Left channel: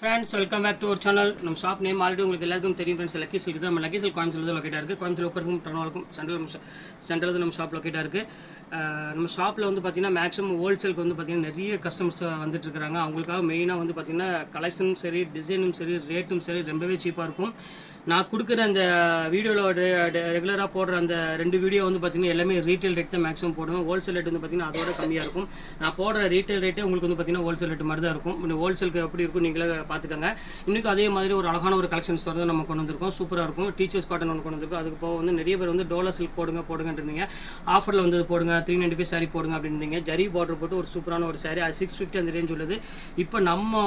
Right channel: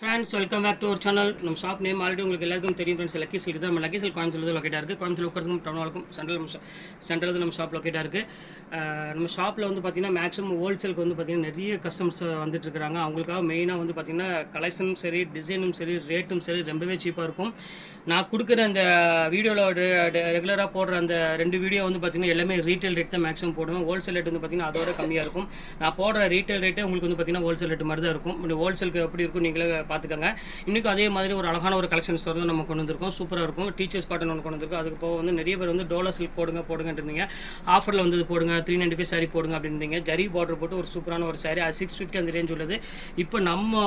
Friends, welcome back to our channel. நம்ம shop name already உங்களுக்கு எல்லாருக்கும் தெரியும் ஃப்ரெண்ட்ஸ். லக்கி சில்க் தான். நம்ம லக்கி சில்க் கோயம்புத்தூர் தான் லொக்கேட்டாக இருக்குது. கோயம்புத்தூர் உட்காந்துக்கும் டவுனாலுக்கும் சென்ட்ரல் நம்ம ஷாப் லொக்கேட்டாக இருக்குது. நம்ம ஷாப்பில் வந்து பார்த்திங்கன்னா மேக்ஸிமம் ஹோல்சேலுக்கு வந்து பார்த்திங்கன்னா நிறைய கஸ்டமர்ஸ் வந்துட்டு இருக்காங்க. அவங்களுக்காக மெயினாக வந்து பார்த்திங்கன்னா கலெக்ஷனும் சரி, டிசைனும் சரி, ரேட்டும் சரி ரொம்பவே சீப்பாக இருக்கும். நான் கொடுக்குற அந்த வீடியோவில் ரெகுலராக போடுற அந்த 2 வீடியோ வந்து பார்த்திங்கன்னா எல்லாமே ரீட்டைல் ரேட் தான் மேக்ஸிமம் போடுவேன். ஹோல்சேல் ரேட் வந்து பார்த்திங்கன்னா அதோட கம்மியாக இருக்கும். நான் போடுற ரீட்டைல் ரேட்டே உங்களுக்கு வந்து பார்த்திங்கன்னா ஹோல்சேல் ரேட் மாதிரி தான் இருக்கும். ஹோல்சேலுக்கு எப்படி இருக்கும் நீங்களே பார்த்துக்கோங்க. இன்றைக்கும் அதே மாதிரி ஒரு அழகான ஒரு கலெக்ஷன் ஸ்டோர் தான் நம்ம கொண்டு வந்திருக்கோம். சூப்பராக இருக்கும். டீச்சர்ஸ் காட்டன் ஒன்று கொண்டு வந்திருக்கோம். அதுக்கு போக வந்து நிறைய பேர் வந்து டோலா சில்க் போடுங்கன்னு இருந்தீங்க. ஆஃபரில் வந்து போடுங்க, 395 சாரி போடுங்க அப்படின்றீங்க. ஜரி பார்டர் போட்டு ஒரு சூப்பரான ஒரு சாரி, அது 650 அந்த ரேஞ்ச் உள்ளது. இப்போ நம்ம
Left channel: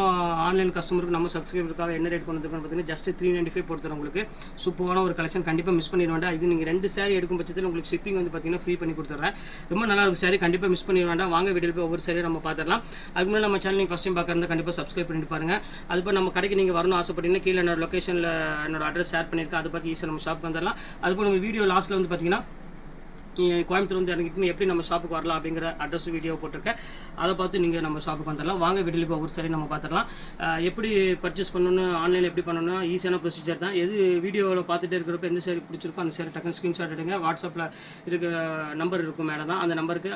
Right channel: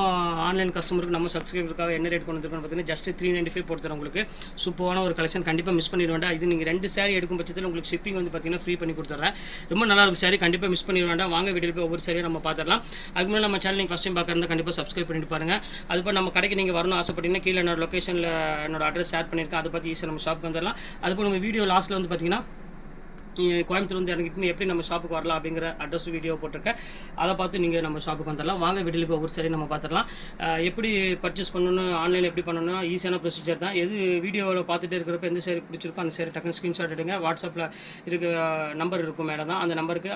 ஆன்லைன் கஸ்டமருக்கு நம்ம சப்ஸ்கிரைபருக்காக என்ன ரேட் கொண்டு வந்திருக்கோம்னு பார்த்தீங்கன்னா ஜஸ்ட் 395 போட்டுறோம். உங்களுக்கு சூப்பரான ஒரு கலெக்ஷன், கண்டிப்பாக மிஸ் பண்ணிட வேண்டாம். இது நீங்கள் 2 சாரி எடுக்கும் பட்சத்தில் உங்களுக்கு ஷிப்பிங் வந்து பார்த்தீங்கன்னா ஃப்ரீ பண்ணி கொடுத்துட்றேன். ரொம்ப நல்லா இருக்கும் சாரி, கண்டிப்பாக மிஸ் பண்ணிட வேண்டாம். வாங்க வீடியோ போய் ஒவ்வொரு சாரியை நம்ம பார்த்துடலாம். அதுக்கு முன்னாடி நம்ம சேனல் நீங்கள் ஃபஸ்ட் டைம் பார்க்குறதா கண்டிப்பாக சப்ஸ்கிரைப் பண்ணிட்டு பாருங்க. அதுபோல் நம்ம கடைக்கு நீங்கள் வரணும் ஆசைப்பட்டீங்கன்னா கீழே என்னோட லொக்கேஷனில் என்னோட அட்ரஸ் ஷேர் பண்ணியிருக்கேன். அதை பற்றி ஈஸியாக நம்ம ஷாப்புக்கு வந்துடலாம். அதுபோல் நம்ம வீடியோ லாஸ்ட்டில் வந்து பார்த்தீங்கன்னா கோயம்புத்தூர் வந்து இறங்கிட்டு எப்படி நம்ம ஷாப்புக்கு வரலாம் அப்படிங்கிற அட்ரஸ் வீடியோ போட்டிருக்கேன். அதை பார்த்து நீங்கள் நம்ம ஷாப்புக்கு வந்துடலாம். வாங்க வீடியோவில் ஒவ்வொரு சரி நம்ம பார்த்துடலாம். எப்படி பர்ச்சேஸ் பண்ணணும், ஆன்லைனில் எப்படி பண்ணணும், ஈஸியான ப்ரொசீஜர் தான். எது வீடியோவில் பார்த்துட்டு இருக்கிறப்ப எந்த சரி பிடிச்சிருக்கோ அந்த சரி டக்குன்னு ஸ்க்ரீன்ஷாட் எடுங்க. வாட்ஸ்அப்பில் இருக்க நம்பர் இருக்கும் மேடம் தான், அந்த நம்பருக்கு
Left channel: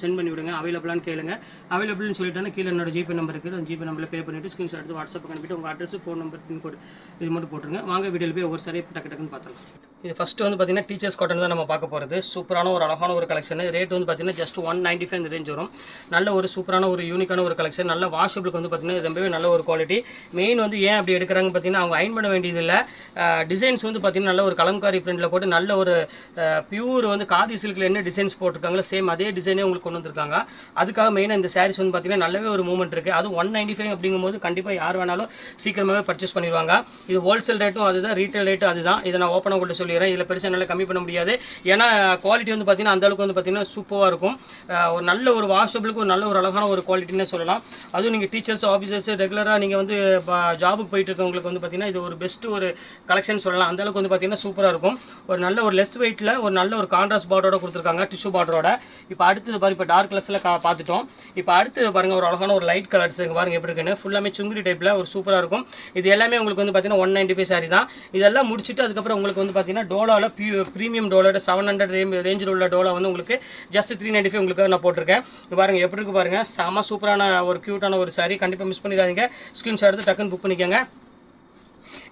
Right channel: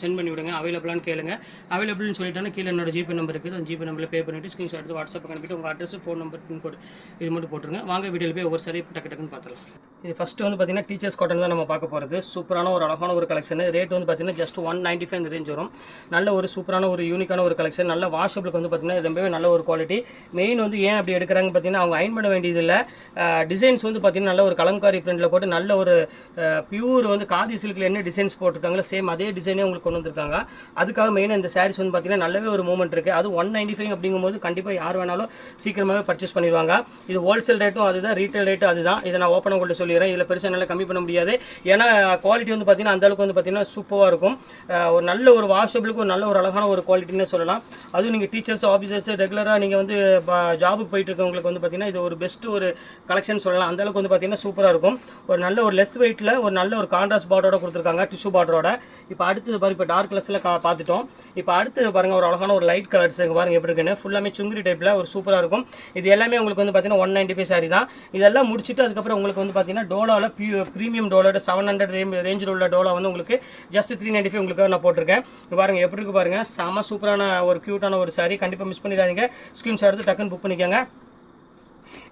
சென்ட் பண்ணி விடுங்க. அவைலபிளான்னு கேளுங்க. அவைலபிள்னு சொல்லிட்டாங்கன்னா கீழே என்னோட ஜிபே நம்பர் இருக்குது. அந்த ஜிபே நம்பரில் பே பண்ணிவிட்டு ஸ்க்ரீன்ஷாட் எடுத்து வாட்ஸ்அப்புக்கு அனுப்பிட்டு உங்கள் அட்ரஸ், ஃபோன் நம்பர், பின்கோடு இது மட்டும் போட்டுருங்க. வாங்க வீடியோவில் போய் ஒவ்வொரு சாரி டக்குன்னு பார்த்துலாம். இது ஃபஸ்ட்டு வந்து பார்த்திங்கன்னா டீச்சர்ஸ் காட்டன் தான் நம்ம பார்க்க போகிறது. சூப்பரான ஒரு அழகான ஒரு கலெக்ஷன். ரேட் வந்து பார்த்திங்கன்னா ஜஸ்ட் 195 இந்த ரேஞ்ச் வரும். நல்ல ஒரு சூப்பரான ஒரு யூனிக்கான ஒரு கலெக்ஷன். நல்ல வாஷபிளுக்கு வந்து பார்த்திங்கன்னா ரொம்பவே நல்ல ஒரு குவாலிட்டி. மெயின் வந்து ஏன் அப்படி எடுக்கிறாங்க பார்த்திங்கன்னா அவங்க அயன் பண்ண வேண்டியதில்லை. டிசைன்ஸ் வந்து பார்த்திங்கன்னா நல்ல ஒரு கலம்காரி பிரிண்டில் போட்டு நல்ல ஒரு பியூர் வந்து காதி சில்கில் என்ன டிசைன்ஸ் போட்டிருக்காங்களோ சேம் அதே டிசைனே உங்களுக்கு கொண்டு வந்திருக்காங்க. அதுக்காக மெயினாக இந்த சாரீஸ் வந்து பார்த்திங்கன்னா நல்லாவே ஒரு மூவ்மெண்ட் இருக்குது. அது 195 அப்படிங்கும்போது கண்டிப்பாக யார் வேணாலும் சீக்கிரமாகவே பர்ச்சேஸ் பண்ணிடுவாங்க. இது ஹோல்சேல் ரேட்டும் அதுதான், ரீட்டைல் ரேட்டும் அதுதான். இதை நான் ஓப்பனாக கூட சொல்லிடுறேன். இதில் பெருசாக என்னால் கம்மி பண்ண முடியாது. ஏன்னா குவாலிட்டி வந்து பார்த்திங்கன்னா அந்தளவுக்கு வந்து பார்த்திங்கன்னா சூப்பராக இருக்கும். ஒரு நல்ல ஒரு வாஷபிளுக்கு ஒரு நல்ல ஒரு அழகான ஒரு குவாலிட்டின்னு சொல்லலாம். அதுவும் நீங்கள் டீச்சர்ஸ், ஆஃபீஸர்ஸ், ரெகுலராக நீங்கள் வந்து ஜாபுக்கு போயிட்டு இருக்கவங்களுக்கு வந்து பார்த்திங்கன்னா இது ஒரு பெஸ்ட் ஒரு கலெக்ஷன் சொல்லலாம். அந்தளவுக்கு வந்து பார்த்திங்கன்னா சூப்பராக இருக்கும். ஒரு நல்ல ஒரு லெஸ் வெயிட்டில் ஒரு நல்ல ஒரு கான்ட்ராஸ்ட் பார்டரோட கொடுத்துருக்காங்க, டிஷ்யூ பார்டரோட. இப்போ அடுத்தது பாரு, இப்போ டார்க் கலர்ஸில் பார்த்துட்டோம். இப்போ அடுத்து பாருங்கள் ஒரு அழகான ஒரு லைட் கலர்ஸ் பாருங்கள் எப்படி இருக்குன்னு. ஃபுல்லாமே சுங்குரி டைப்பில் ஒரு சூப்பராக இருக்கும். இது எல்லாமே உங்களுக்கு வந்து பார்த்தீங்கன்னா 195 சாரி தான். இதெல்லாம் முடிச்சுட்டு அதுக்கப்புறம் உங்களுக்கு வந்து பார்த்தீங்கன்னா டோலாவில் ப்ரீமியம் டோலோட 700 ரேஞ்சில் உள்ள டோலா வந்து உங்களுக்கு ஜஸ்ட் 395 உங்களுக்கு நான் போட்டிருக்கேன். இது பாருங்கள் எப்படி இருக்கு பாருங்கள். செம சூப்பரான ஒரு க்யூட்டான ஒரு சாரி. கண்டிப்பாக மிஸ் பண்ணிடாதீங்க. ஸ்க்ரீன்ஷாட் எடுத்து டக்குன்னு புக் பண்ணிக்கோங்க.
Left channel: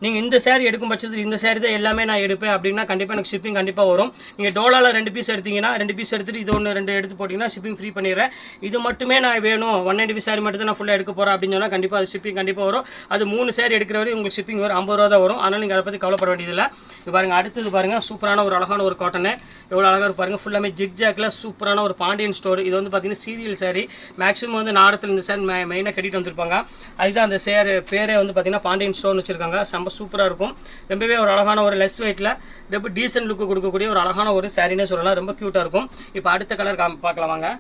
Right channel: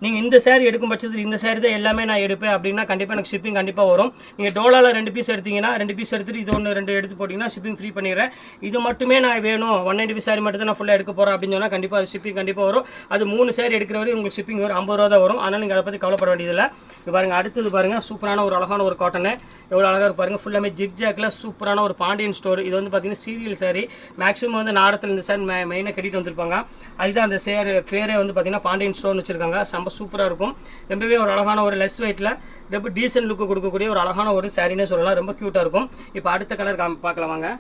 நீங்கள் இந்த சேரீ எடுக்கும் பட்சத்தில் இந்த சேரீ தான் எல்லாமே நான் எடுப்பேன் அப்படின்னா கண்டிப்பாக எனக்கு ஷிப்பிங் கண்டிப்பாக வரும். நீங்கள் டோலாவில் 2 பீஸ் எடுத்தீங்கன்னா 2 பீஸ் எடுத்துகிட்டு இது 2 எடுத்து போட்டிங்கன்னா ஷிப்பிங் ஃப்ரீ பண்ணிடுறேன். இது மட்டுமே நான் வேணும் 195 சாரி மட்டும் தான் நான் ஃபுல்லாக எடுக்க போகிறேன் அப்படின்னு சொன்னால் கண்டிப்பாக அது ஷிப்பிங் கண்டிப்பாக வரும். அது 3 சேரீ எடுக்கிற வரை உங்களுக்கு ஷிப்பிங் வரும் 50 ரூபா தான் வரும். அதனால் நீங்கள் அதை பற்றி கவலைப்பட வேண்டியதில்லை. இது பாருங்கள் அடுத்தது பாருங்கள் சூப்பரான ஒரு அழகான ஒரு காட்டனு. எவ்வளோ அழகாக பாருங்கள். ஃபுல்லாமே ஜிக் ஜாக்கில் சூப்பரான ஒரு பாண்டியன் ஸ்டோர். இது வந்து பார்த்தீங்கன்னா சீரியல் சாரி. மேக்ஸிமம் வந்து நாடத்தில் இந்த சாரி மெயினாக கட்டிட்டு வந்திருப்பாங்க. அதுதான் அந்த சேர் பேரே வந்து பார்த்தீங்கன்னா பாண்டியன் ஸ்டோர்னு வச்சுருக்காங்க. செம்ம சூப்பராக இருக்கும். ரொம்பவே ஒரு அழகான ஒரு லெஸ் வெயிட்டில் ரொம்ப டீசென்ட் லுக்கு கொடுக்கக்கூடிய ஒரு அழகான ஒரு சாரினே சொல்லலாம். ரொம்ப க்யூட்டாக இருக்கும். இப்போ அடுத்த கலர் பார்க்கலாம் வாங்க.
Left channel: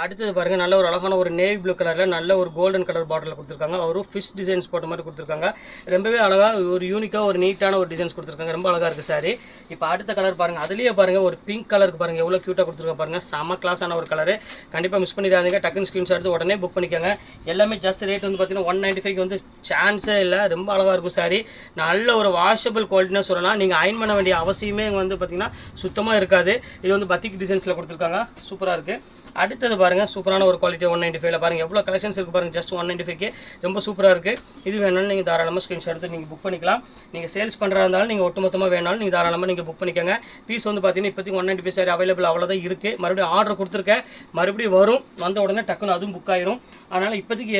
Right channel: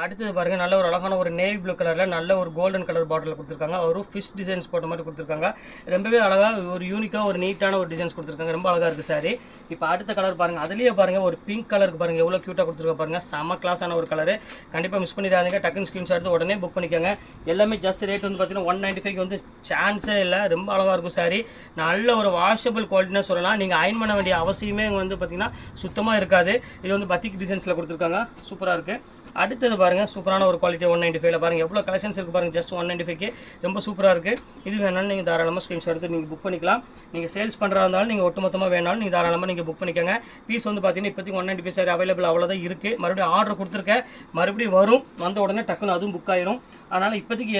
அடுத்தது பாருங்கள் நல்ல ஒரு அழகான ஒரு நேவி ப்ளூ கலரில் நல்ல ஒரு கோல்டன் கலர் பாட்டில் கொடுத்துருக்காங்க. ஒரு ஃபிஷ் டிசைன்ஸ் போட்ட மாதிரி கொடுத்துருக்காங்க. ரொம்பவே அழகாக ஒரு யூனிக்காக ஒரு நீட்டான ஒரு டிசைன்ஸ் கொடுத்துருக்காங்க. ரொம்ப அழகாக இருக்குது சாரி. இப்போ அடுத்த கலர் பாருங்கள். அதுலேயே பாருங்கள் ஒரு பிங்க் கலருக்கு பாருங்கள் எவ்வளோ க்யூட்டாக கொடுத்துருக்காங்க பாருங்கள். செம கிளாஸான ஒரு கலரு. கண்டிப்பாக மிஸ் பண்ணிடாதீங்க. டக்குன்னு ஸ்க்ரீன்ஷாட் எடுத்து உடனே புக் பண்ணிக்கோங்க. எல்லாமே ஜஸ்ட் ரேட் வந்து பார்த்தீங்கன்னா 195 வந்து சான்ஸே இல்லை. ரொம்ப அழகாக இருக்கும் சாரி. நல்ல ஒரு வாஷபிள் குவாலிட்டின்னு சொல்லலாம். நீங்கள் அயன் பண்ண வேண்டிய அவசியமே வந்து பார்த்தீங்கன்னா சுத்தமாக இருக்காது. இது வந்து பத்திக் டிசைன்ஸில் கொடுத்துருக்காங்க. சூப்பராக இருக்குது. அடுத்தது பாருங்கள் சூப்பரான ஒரு குவாலிட்டி 195 பாருங்கள் எவ்வளோ கலெக்ஷன்ஸ் இருக்குது பாருங்கள். ஜஸ்ட் 195 ரொம்ப சூப்பராக இருக்குது. இது வேணாலும் நீங்கள் தாராளமாக ஸ்க்ரீன்ஷாட் எடுத்து நீங்கள் புக் பண்ணிக்கலாம். நீங்கள் சேல்ஸ் பண்ணுறா இருந்தாலும் நீங்கள் ஒட்டுமொத்தமாக வேணாலும் நீங்கள் தாராளமாக நீங்கள் புக் பண்ணிக்கோங்க. பீஸ் வந்து பார்த்தீங்கன்னா இப்போதைக்கு 195 சாரி அவைலபிள் அவ்வளோதான் இருக்குது. மறுபடியும் ஆர்டர் கொடுத்துருக்கேன், மறுபடியும் வரும். வந்த உடனே டக்குன்னு அதுவும் புக் ஆயிரும். அதனால் இப்போதைக்கு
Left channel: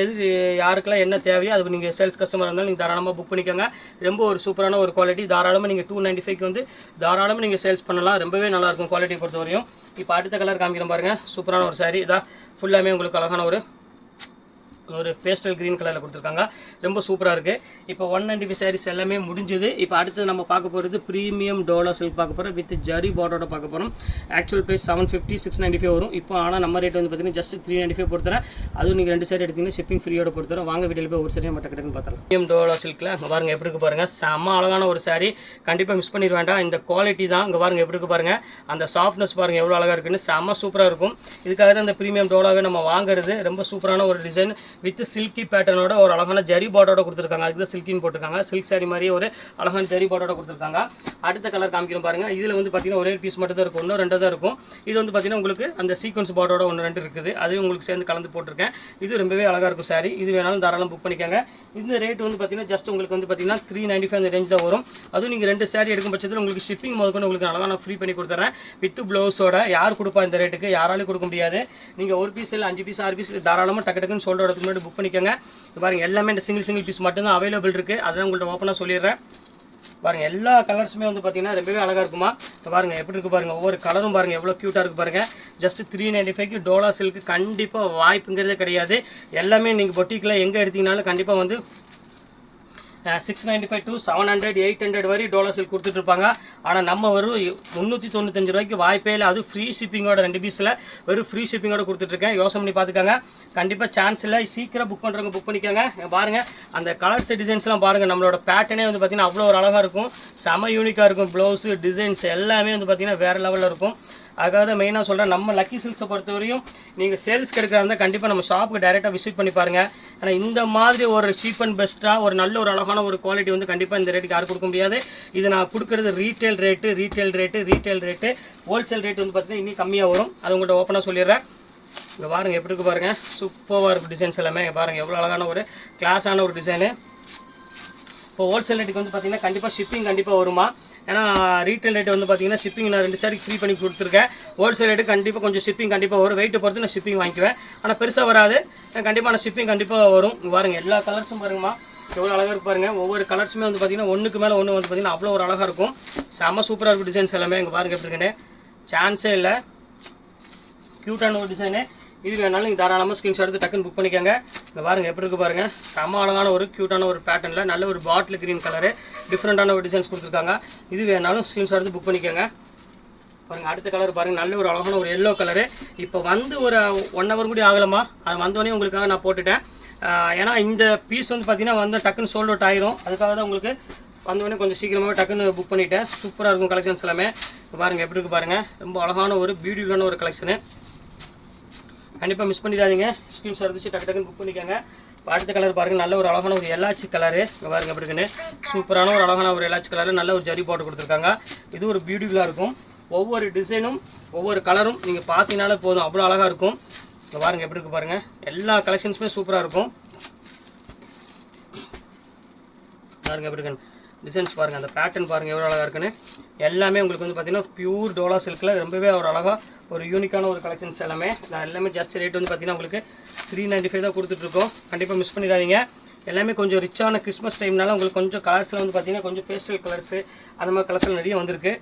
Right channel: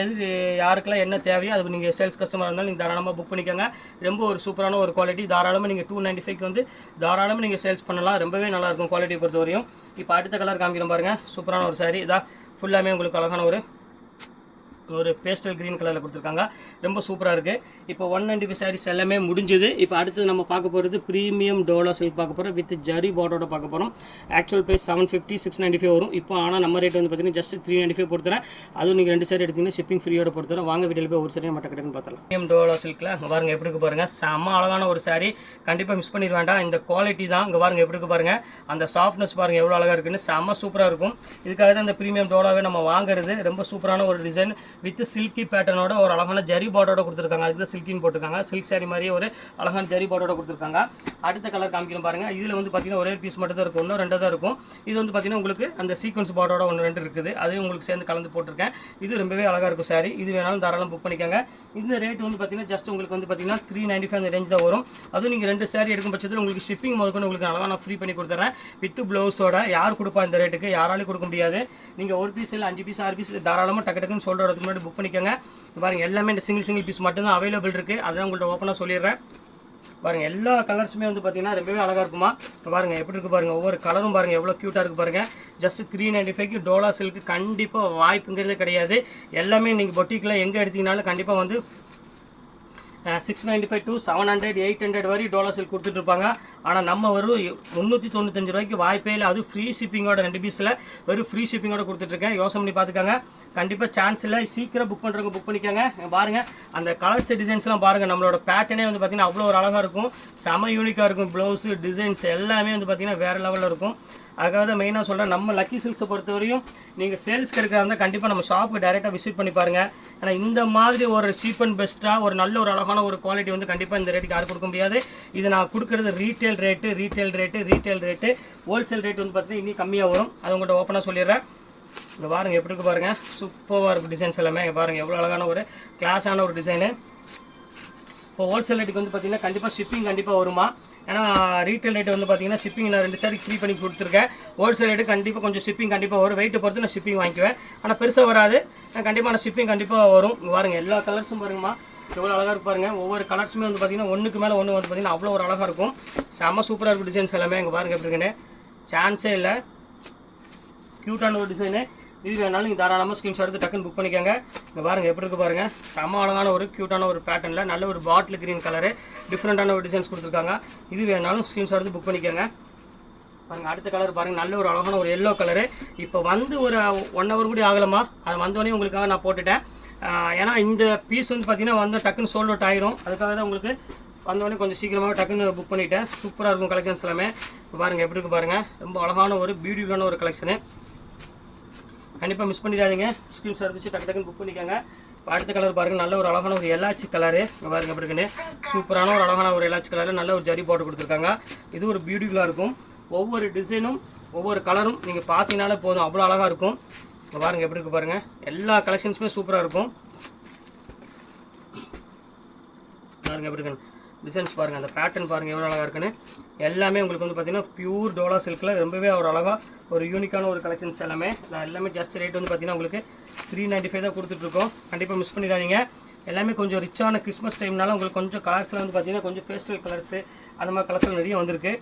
யாருக்கெல்லாம் என்ன தேவையோ அது நீங்கள் சேல்ஸ் கஸ்டமர் இருந்தாலும் நீங்கள் தாராளமாக புக் பண்ணிக்கோங்க. ரொம்ப ஒரு சூப்பரான ஒரு குவாலிட்டி. தாராளமாக நீங்கள் 295 வந்து தாராளமாக நீங்கள் சேல்ஸ் பண்ணலாம். ரொம்பவே நல்லாயிருக்கும் குவாலிட்டியை பொறுத்தவரையும். இப்போ அடுத்த கலர் காமிக்கிறேன் பாருங்கள். சூப்பரான ஒரு சாரி. இதான் ஃபுல்லாமே உங்களுக்கு அழகான ஒரு பேஸ்டல் க்ரீன் கலரில் கொடுத்துருக்காங்க. ரொம்ப சூப்பராக இருக்குது. இப்போ 195 சாரீஸ் எல்லாமே முடிஞ்சுது. இப்போ அடுத்து நம்ம பார்க்க போகிறது ப்ரீமியம் டோலா சில்க் பார்க்க போகிறோம். வித் ஜரி பார்டரோட பார்க்க போகிறோம். ஆக்சுவல் ப்ரைஸ் 750 695 வரும். இப்போ ஆனால் நம்ம ரேட் வந்து பார்த்தீங்கன்னா ஜஸ்ட் 395 பொறுத்தரேன். அதுவும் நீங்கள் 2 சாரி எடுத்திங்கன்னா ஷிப்பிங் ஃப்ரீயோட பொறுத்தரேன். வாங்க வீடியோவில் போய் ஒரு சாரி நம்ம டக்குன்னு பார்த்தலாம். ப்ரீமியம் டோலா சில்கில் இங்கே பாருங்கள் எப்படி இருக்கு பாருங்கள். செம்ம அழகான ஒரு சாரி. கண்டிப்பாக மிஸ் பண்ணிட வேண்டாம். இந்த குவாலிட்டி தான். இங்கே பாருங்கள் எப்படி இருக்கு பாருங்கள். அந்த சாஃப்ட்னஸ் பாருங்கள் எவ்வளோ அழகாக இருக்குன்னு. செம்ம சூப்பராக இருக்கும். இதுக்காக தான் இந்த ப்ரீமியம் டோலாவே நம்ம வாங்குறது. ரொம்ப சூப்பரான ஒரு டிசைன். வித் சில்கி பேட்டர்னோட ஒரு அழகான ஜரி பார்டரோட கொடுத்துருக்காங்க. அதுக்கு தான் சில்கின்னு போட்டிருக்காங்க. சில்க் சாரி மாதிரியே ஒரு அழகான ஜரி பார்டரோட கொடுத்துருக்காங்க. அடுத்த கலர் காமிக்கிறோம் பாருங்கள். இதில் வந்து பார்த்தீங்கன்னா ஒரே பீஸ் மட்டும் தான் இருக்கும், ஒன்று ரெண்டு தான் இருக்கும். இது வந்து பார்த்தீங்கன்னா உங்களுக்கு அந்த சீக்வன்ஸ் பார்டரோட ஒன்று ரெண்டு இருக்குது, அதையும் உங்களுக்கு சேர்ந்து கலந்து போட்டிருக்கேன். இது ரொம்பவே அழகாக இருக்கும் சாரி. இது வேணாலும் தாராளம் புக் பண்ணிக்கோங்க. இந்த ரேட் வந்து பார்த்தீங்கன்னா ஜஸ்ட் உங்களுக்கு வந்து பார்த்தீங்கன்னா 395 அந்த ரேஞ்ச் தான் வரும். அதுவும் நீங்கள் 2 சாரி எடுக்கும் பட்சத்தில் உங்களுக்கு ஷிப்பிங் முதற்கொண்டு உங்களுக்கு அழகாக நான் ஃப்ரீ பண்ணி கொடுத்துறேன் வித் ப்ளவுஸோட. யார் கொடுப்பா இந்த ரேட்டுக்கு? யாராலையும் கொடுக்க முடியாது. நீங்கள் ஒரு பீஸ் இல்லை 5 பீஸ் 6 பீஸ் தாராளமாக டக்கு டக்குன்னு சொல்கிற இடத்துக்கு முன்னாடி புக் பண்ணிக்கோங்க. பாருங்கள் எல்லாமே இந்த சிங்கிள் பீஸ் மட்டும் தான் அவைலபிள் இருக்குது. அதான் உங்கள்கிட்ட ஓப்பனாக சொல்லிடுறேன். பாருங்கள் எல்லா கலர்ஸுமே வந்து பார்த்தீங்கன்னா ரொம்பவே அழகாக இருக்குமா. பாருங்கள் எப்படி இருக்குது பாருங்கள். ஒவ்வொரு கலரும் பாருங்கள் எவ்வளோ க்யூட்டாக இருக்குது பாருங்கள். ஜஸ்ட் 395க்கு டோலா சில்க்கு கண்டிப்பாக வாய்ப்புங்கிறதே கிடையாது. எல்லாமே நீங்கள் பொட்டிக்கில் எங்கே எடுத்தீங்கனாலும் கண்டிப்பாக வந்து 695 to 700 800 வரை டோலா சில்க் கொடுத்துட்ருப்பாங்க. ஆனால் நம்ம வரும் 395 ரூபாய்க்கு வாய்ப்பே இல்லை. அது ஃப்ரீ ஷிப்பிங்கோட 2 பீஸில் வெறும் ஃப்ரீ ஷிப்பிங்கோட கொடுத்துட்ருக்கேன். யோசனை பண்ணி பார்த்துக்காங்க. கண்டிப்பாக சான்ஸ் இல்லை. சீக்கிரம் புக் பண்ணுறவங்க புக் பண்ணிக்கோங்க. பாருங்கள் அந்த கலர்ஸ் டிசைன்ஸ்லாம் பாருங்கள். நம்மளோட பேட்டர்னே வந்து பார்த்திங்கன்னா அவ்வளோ ஒரு அழகாக இருக்கும். செம யூனிக்காக இருக்கும். ப்ளவுஸு டிசைன்ஸ் எல்லாமே வந்து பார்த்திங்கன்னா வேறு லெவலில் இருக்கும். அதுக்காக தான் மெயினாக சொல்கிறேன். நம்ம லக்கி சில்க்ஸை பொறுத்தவரையும் நீங்கள் சேல்ஸ் கிடைக்கிறா இருந்தால் கண்டிப்பாக நம்ம ஷாப்புக்கு டைரெக்டாக விசிட் பண்ணி பாருங்கள். ஆனால் இந்த மாதிரி ஒரு சீப் அண்ட் பெஸ்ட்டாக ஒரு நல்ல ஒரு அழகான ஒரு குவாலிட்டி வந்து கண்டிப்பாக இந்த ரேட்டுக்கு யாரும் கொடுக்க முடியாது. இது நான் கொடுக்குறது ரீட்டைல் ரேட்டு. ஹோல்சேல் ரேட் வந்து பார்த்தீங்கன்னா இன்னும் கம்மியாக வரும். அது உங்கள்கிட்ட ஓப்பனாக சொல்லிடுறேன். இங்கே பாருங்கள் எப்படி இருக்குது பாருங்கள். சூப்பராக இருக்கும் டிசைன்ஸ் எல்லாமே. பாருங்கள் எவ்வளோ அழகான ஒரு கிளாஸான ஒரு டிசைனு. இப்போ ஹோல்சேல் ரேட்டுக்கு வந்து பார்த்திங்கன்னா கண்டிப்பாக ஷிப்பிங் கண்டிப்பாக வருமா. ஏன்னா ரீட்டைல் ரேட்டு வந்து பார்த்தீங்கன்னா ஷிப்பிங் நான் 2 சாரி ஃப்ரீ பண்ணி கொடுத்துருக்கேன். ஹோல்சேல் ரேட்டு கண்டிப்பாக கொஞ்சம் ஷிப்பிங் கண்டிப்பாக வரும். வெயிட்டை பொறுத்து நான் ஷிப்பிங் வாங்கிக்குவேன். ஆனால் பெருசாக வராது. கண்டிப்பாக நான் ஷிப்பிங் கண்டிப்பாக வரும். பாருங்கள் எல்லா கலர்ஸும் பாருங்கம்மா எவ்வளோ அழகாக இருக்கு பாருங்கள். ஒவ்வொரு கலர்ஸுமே வந்து பார்த்திங்கன்னா ஒன்றுக்கு மேலே ஒன்று வந்து பார்த்திங்கன்னா அவ்வளோ ஒரு அழகாக இருக்கும். செம்ம சூப்பராக இருக்கும் டிசைன்ஸ் எல்லாமே. இங்கே பாருங்கள் எப்படி இருக்குன்னு சான்ஸே இல்லை. க்யூட்டான ஒரு டிசைனு. இது வேணாலும் நீங்கள் தாராளமாக ஸ்க்ரீன்ஷாட் எடுத்து டக்குன்னு புக் பண்ணிக்கோங்க. இங்கே பாருங்கள் எப்படி இருக்குது பாருங்கள். செம அழகான ஒரு க்யூட்டான ஒரு பேட்டர்னில் நல்ல ஒரு பாட்டில் க்ரீன் கலரு டிஃப்ரெண்ட்டான ஒரு டிசைன்ஸ் கொடுத்துருக்காங்க. இது வேணாலும் ஸ்க்ரீன்ஷாட் எடுத்து புக் பண்ணிக்கோங்க. பாருங்கள் அடுத்த கலர் பாருங்கள். நல்ல ஒரு அழகான ஒரு எல்லோ கலரு. இப்போ வந்து ஒரு 1 ஹவர் கூட ஆகலாமா. அது வந்தோடனே உங்களுக்காக நான் போட்டுட்டேன். ஏன்னா இந்த பீஸ் வந்து பார்த்திங்கன்னா வந்து டக்குன்னு சோல்ட் அவுட் ஆயிரும். அதுக்காக தான் உங்களுக்கு வந்தோடனே கொஞ்சம் சீக்கிரமாக டக்குன்னு புக் பண்ணிவிட்டேன். சூப்பராக இருக்கும் கலெக்ஷன்ஸ் எல்லாமே. இப்போ பாருங்கள் எப்படி இருக்குது பாருங்கள். ரொம்ப அழகான ஒரு பியூட்டிஃபுல்லான ஒரு கலெக்ஷனு. கண்டிப்பாக மிஸ் பண்ணிடாதீங்க. ஸ்க்ரீன்ஷாட் எடுத்து டக்கு டக்குன்னு புக் பண்ணிக்கோங்க. அடுத்த கலர் பாருங்கள். நல்ல ஒரு அழகான ஒரு எலாச்சி கலரு. இங்கே பாருங்கள் எப்படி இருக்குன்னு. சூப்பரான ஒரு அழகான ஒரு எலாச்சி கலரு. நல்ல ஒரு ஜரி போட்டு கொடுத்துருக்காங்க. இது ஒரு பியூட்டிஃபுல்லாக இருக்கும். ஒவ்வொரு டிசைனும் ஒவ்வொரு கலரும் நீங்கள் பார்த்தீங்கனாலே போதும், அவ்வளோ அழகாக இருக்கும். இங்கே பாருங்கள் எப்படி இருக்குது பாருங்கள். எல்லா கலெக்ஷன்ஸுமே சூப்பராக இருக்கும். பாருங்கள் எப்படி இருக்குன்னு டிசைன்ஸ் பாருங்கள். அந்த பேட்டர்ன் பாருங்கள் எவ்வளோ அழகாக இருக்குன்னு. எல்லாமே உங்களுக்கு வந்து பார்த்திங்கன்னா பியூர் டோலா சில்கில் ரொம்பவே ஒரு அழகாக ஒரு யூனிக்கான ஒரு கலெக்ஷன்ஸ் எல்லாமே. நான் எல்லாமே ஜஸ்ட் ரேட் வந்து பார்த்திங்கன்னா உங்களுக்கு 395 தான் கொடுத்துட்ருக்கோம். கண்டிப்பாக மிஸ் பண்ணிடாதீங்க. எல்லாமே கொஞ்சம் ரிச்சான கிறிஸ்மஸ் டைம்னால உங்களுக்கு கொஞ்சம் கலர்ஸில் வந்து பார்த்திங்கன்னா கொஞ்சம் பேஸ்டல் கலர்ஸு அந்த மாதிரி கலர்ஸில் நிறைய வந்திருக்கு.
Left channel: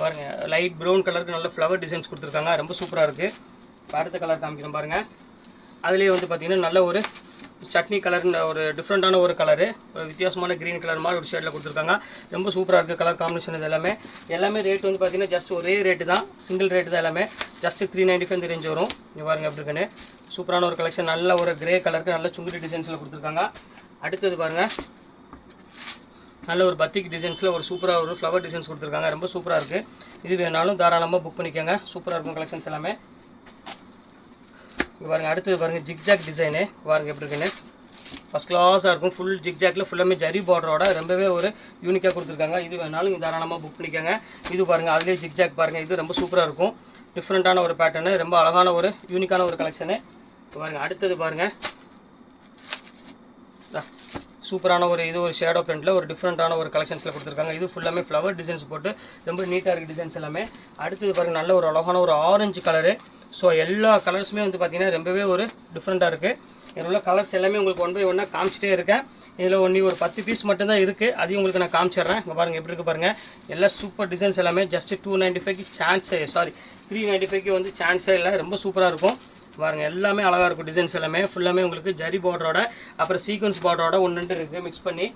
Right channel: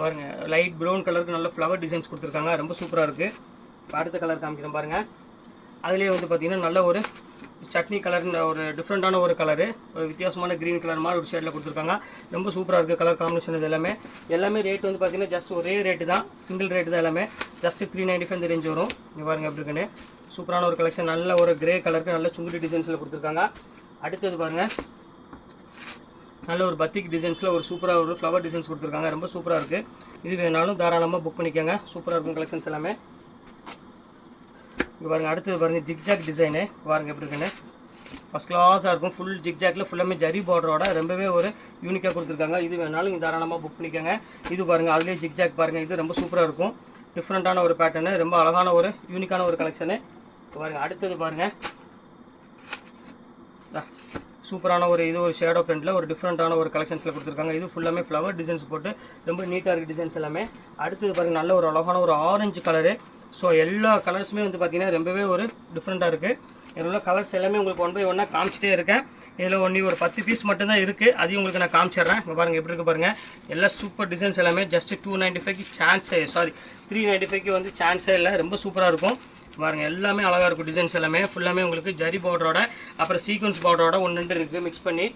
பாருங்கள் லைட் ப்ரௌன் கலருக்கு நல்ல ஃப்ளவர் டிசைன்ஸ் கொடுத்துருக்காங்க. ரொம்ப சூப்பராக இருக்குது. அடுத்த கலர் காமிக்கிறேன் பாருங்கள். அதுலேயே வந்து பார்த்திங்கன்னா நல்ல ஒரு சட்னி கலர்னு ஒரு டிஃப்ரெண்ட்டான ஒரு கலரு, ஒரு வித்தியாசமான க்ரீன் கலர் மாதிரி ஒரு ஷேடில் கொடுத்துருக்காங்க. ரொம்ப சூப்பராக இருக்குது கலர் காம்பினேஷன். இது எல்லாமே ரேட் வந்து பார்த்திங்கன்னா ஜஸ்ட் ஒரே ரேட்டு தான், சிங்கிள் ரேட்டு தான். எல்லாமே ஜஸ்ட் 395 இந்த ரேஞ்ச் வரும். இங்கே பாருங்கள் எப்படி இருக்குன்னு. சூப்பரான ஒரு கலெக்ஷன். நல்ல ஒரு கிரே கலருக்கு நல்ல சுங்குடி டிசைன்ஸில் கொடுத்துருக்காங்க. அடுத்தது பாருங்கள் நல்ல ஒரு பத்திக் டிசைன்ஸில் ஒரு சூப்பராக ஒரு ஃப்ளவர் டிசைன்ஸ் கொடுத்துருக்காங்க. ரொம்ப சூப்பராக இருக்குது. இது வேணாலும் தாராளமாக புக் பண்ணிக்கோங்க. சூப்பராக இருக்கும் கலெக்ஷன்ஸ் எல்லாமே. இங்கே பாருங்கள் அடுத்தது பாருங்கள் ஜிக்ஜாக் டிசைனு. பாருங்கள் எப்படி இருக்குன்னு. ஃபஸ்ட் கிளாஸாக இருக்கும். ஃபுல் ஜிக்ஜாக்கில் ஃபுல்லாமே ஜரி பார்டரோட ரொம்பவே ஒரு யூனிக்காக கொடுத்துருக்காங்க. இது வேணாலும் நீங்கள் தாராளமாக புக் பண்ணிக்கோங்க. இது பாருங்கள் அதுலேயே ஜிக்ஜாக் பாருங்கள். இது ரொம்ப சூப்பராக இருக்கும். டிஃப்ரெண்ட்டான ஒரு பேட்டர்னு, ரொம்ப அழகான ஒரு யூனிக்கான ஒரு கலெக்ஷனு. பாருங்கள் அடுத்தது பாருங்கள் சூப்பரான ஒரு இது ஒரு ஷேடோ பிரிண்டில் ஒரு டிஃப்ரெண்ட்டான ஒரு கலெக்ஷன்ஸில் கொடுத்துருக்காங்க. இது ஃபுல்லாமே ஃப்ளவர் டிசைன்ஸ் போட்டு ரொம்ப நீட்டாக இருக்குது டிசைன்ஸ் எல்லாமே. அடுத்தது பாருங்கள் நல்ல ஒரு அழகான ஒரு ஆரஞ்சு கலரு. ஸோ எல்லா கலர்ஸுமே வந்து பார்த்திங்கன்னா ரொம்பவே ஒரு டிஃப்ரெண்ட்டாக இருக்குது. இதில் உள்ள கலர்ஸ் எல்லாமே உங்களுக்கு 1 by 1 காமிச்சிட்டே இருக்கேன். இதில் ஒரு 10 பீஸ் மட்டும்தான் இருக்குது. அதையும் உங்களுக்கு நான் காமிச்சிடுறேன். இங்கே பாருங்கள் எப்படி இருக்குது பாருங்கள். எல்லாம் சூப்பர் டிசைன்ஸ் எல்லாமே. ஜஸ்ட் 295க்கு சான்ஸே 395க்கு வந்து சான்ஸே இல்லை. ரொம்ப சூப்பராக இருக்கும். பாருங்கள் எல்லாமே அழகாக இருக்கும். டிசைன்ஸ் எல்லாமே ஃபுல்லாமே உங்களுக்கு ஜரி பார்டரோட அப்புறம் சீக்வன்ஸ் பார்டரோட 1-2 இருக்குது மிக்ஸ் பண்ணி.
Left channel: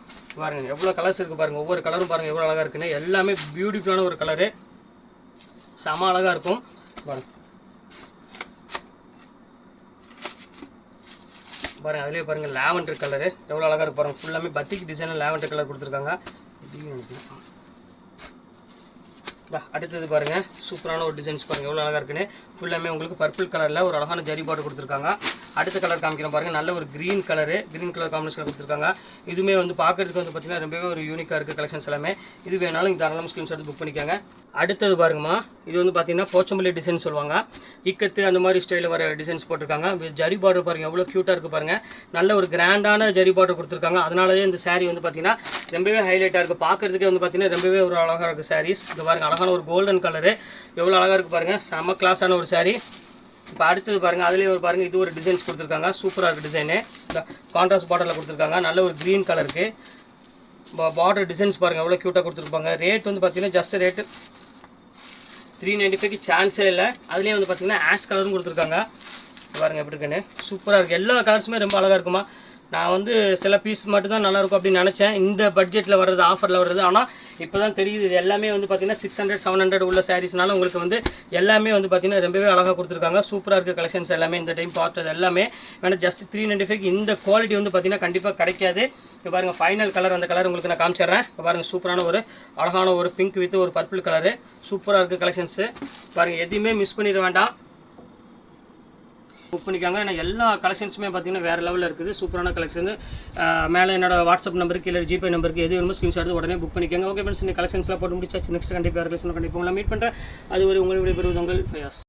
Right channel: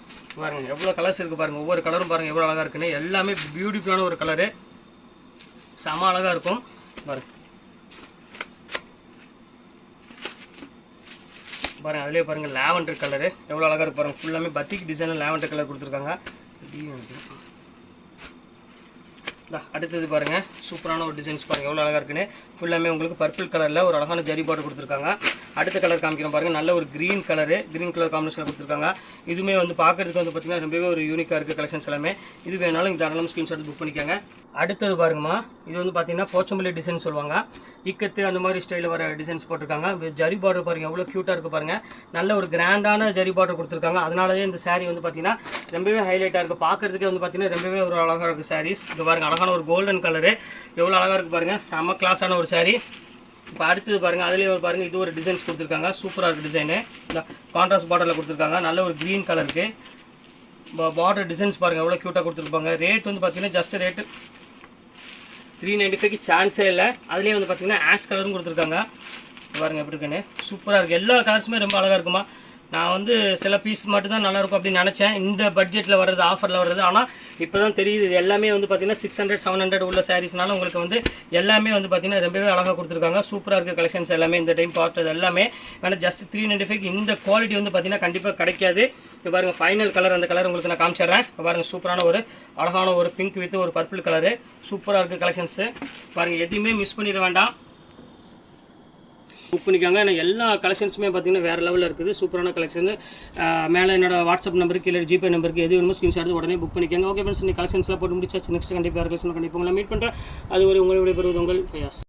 பாருங்கள் எவ்வளோ கலர்ஸ் இருக்குது பாருங்கள். ஒவ்வொரு கலரும் பாருங்கள் எவ்வளோ அழகாக இருக்குன்னு. எல்லாமே பியூட்டிஃபுல்லான ஒரு கலரு, செம அழகாக இருக்கும். பாருங்கள் பாருங்கள் அதிலே பாருங்கள் லாவெண்டர் கலரு எவ்வளோ அழகாக இருக்குது பாருங்கள். ஃபுல்லாமே பத்திக் டிசைனில் லாவெண்டர் கலர் கொடுத்துருக்காங்க. அடுத்தது பாருங்கள், சூப்பரான ஒரு டிசைன்ஸ் பாருங்கள் எவ்வளோ அழகாக இருக்குன்னு. ஃபுல்லாமே உங்களுக்கு பர்பிள் கலரில் ஒரு அழகான ஜரி பார்டர் கொடுத்துருக்காங்க. அடுத்த கலர் காமிக்கிறோம் பாருங்கள், நல்ல ஒரு க்ரீன் கலர் காம்பினேஷன் கொடுத்துருக்காங்க. இதுவுமே வந்து பார்க்குறதுக்கு வந்து பார்த்திங்கன்னா ரொம்பவே ஒரு யூனிக்காக இருக்குது கலெக்ஷன்ஸ் எல்லாமே. இது வேணாலும் இந்த தாராளமாக ஸ்க்ரீன்ஷாட் புக் பண்ணிக்கோங்க. அடுத்தது பாருங்கம்மா, இது வந்து பார்த்திங்கன்னா போச்சம்பள்ளி டிசைன் சொல்லுவாங்க, இக்கத்து அந்த மாதிரி ஸ்டைலில் வர டிசைன்ஸ் போட்டிருக்காங்க. ஜரி பார்டர் பாருங்கள் எவ்வளோ க்யூட்டாக இருக்குது பாருங்கள். நல்ல ஒரு கிராண்டான ஜரி பார்டர் கொடுத்துருக்காங்க. அதனாலே இந்த saree வந்து பார்த்திங்கன்னா ரொம்பவே ஹைலைட்டாக இருக்குது. பார்க்குறதுக்கே வந்து பார்த்திங்கன்னா ரொம்பவே ஒரு அழகாக இருக்குது சாரீஸ். இது பாருங்கள், அழகான ஒரு கோல்டன் கலரு எவ்வளோ அழகாக இருக்குது பாருங்கள். செம்ம கிளாஸான ஒரு saree. இப்போ அடுத்தது பாருங்கள், அதுலேயே ஒரு பாருங்கள், இது ஒரு டிசைன்ஸ் கொடுத்துருக்காங்க. சூப்பராக இருக்குது டிசைனு. இந்த கான்ட்ராஸ்ட் பார்டரில் கொடுத்துருக்காங்க. நல்ல ஒரு க்ரீன் கலருக்கு பார்டர் டிசைன்ஸ் பாருங்கள் எவ்வளோ க்யூட்டாக கொடுத்துருப்பாங்க. ரேட் வந்து பார்த்திங்கன்னா ஜஸ்ட் ரேட்டு 395க்கு சான்ஸே இல்லை. அதுலேயே வந்து பார்த்திங்கன்னா ஆஷ் கலரும் கொடுத்துருக்காங்க. பாருங்கள் எப்படி இருக்குன்னு, சூப்பராக இருக்குது. எல்லா கலர்ஸுமே ரொம்ப அழகாக இருக்குமா. நான் வந்து சில பீஸ் மட்டும் தான் நல்லாயிருக்கும் அப்படின்னு நினச்சேன், இந்த பட்ஜெட்டில் வர்றது, ஆஃபரில் வர்றது. ஆனால் இப்போ தான் தெரியுது இது எல்லாமே வந்து பார்த்திங்கன்னா 600 700 உள்ள சாரீஸ்னால உங்களுக்கு வந்து எல்லாமே வந்து பார்த்திங்கன்னா ரொம்பவே அழகாக கொடுத்துருக்காங்க. சூப்பராக இருக்குது கலெக்ஷன்ஸ் எல்லாமே. இந்த டைம் பார்த்தது எல்லாமே வேணால் ஜஸ்ட் 395க்கு இந்த குவாலிட்டி வந்து பார்த்திங்கன்னா கண்டிப்பாக கிடைக்காது. இப்போ பாருங்கள், ஃபைனல் கலர் அந்த கலர் உங்களுக்கு நான் காமிச்சிடுறேன். இப்போ பாருங்கள், சூப்பரான ஒரு அழகான ஒரு பிங்க் வித் ஒரு பர்பிள் கலரு சூப்பராக இருக்குது கலெக்ஷன்ஸு. பாருங்கள், எதுவுமே மிஸ் பண்ணிட வேண்டாம், புக் பண்ணிக்காங்க. ஏன்னா எல்லா கலெக்ஷன்ஸுமே பார்த்தீங்கன்னா வேறு லெவலில் இருக்குது. சூப்பரான கலெக்ஷன். மேலே என்னோட வாட்ஸ்அப் நம்பருக்கு இல்லை ஜிபே நம்பருக்கு எது வேணுமோ ஸ்க்ரீன்ஷாட் எடுத்து உடனே புக் பண்ணிக்கோங்க. ஓகே ஃப்ரெண்ட்ஸ், இந்த கலெக்ஷன்ஸ்லாம் போட்டு முடிச்சாச்சு. நெக்ஸ்ட் கண்டிப்பாக கலெக்ஷன் கண்டிப்பாக உங்களை மீட் பண்ணுறேன். அது ஒரு உங்களுடைய பெறுவது உங்கள் ஃபயாஸ்.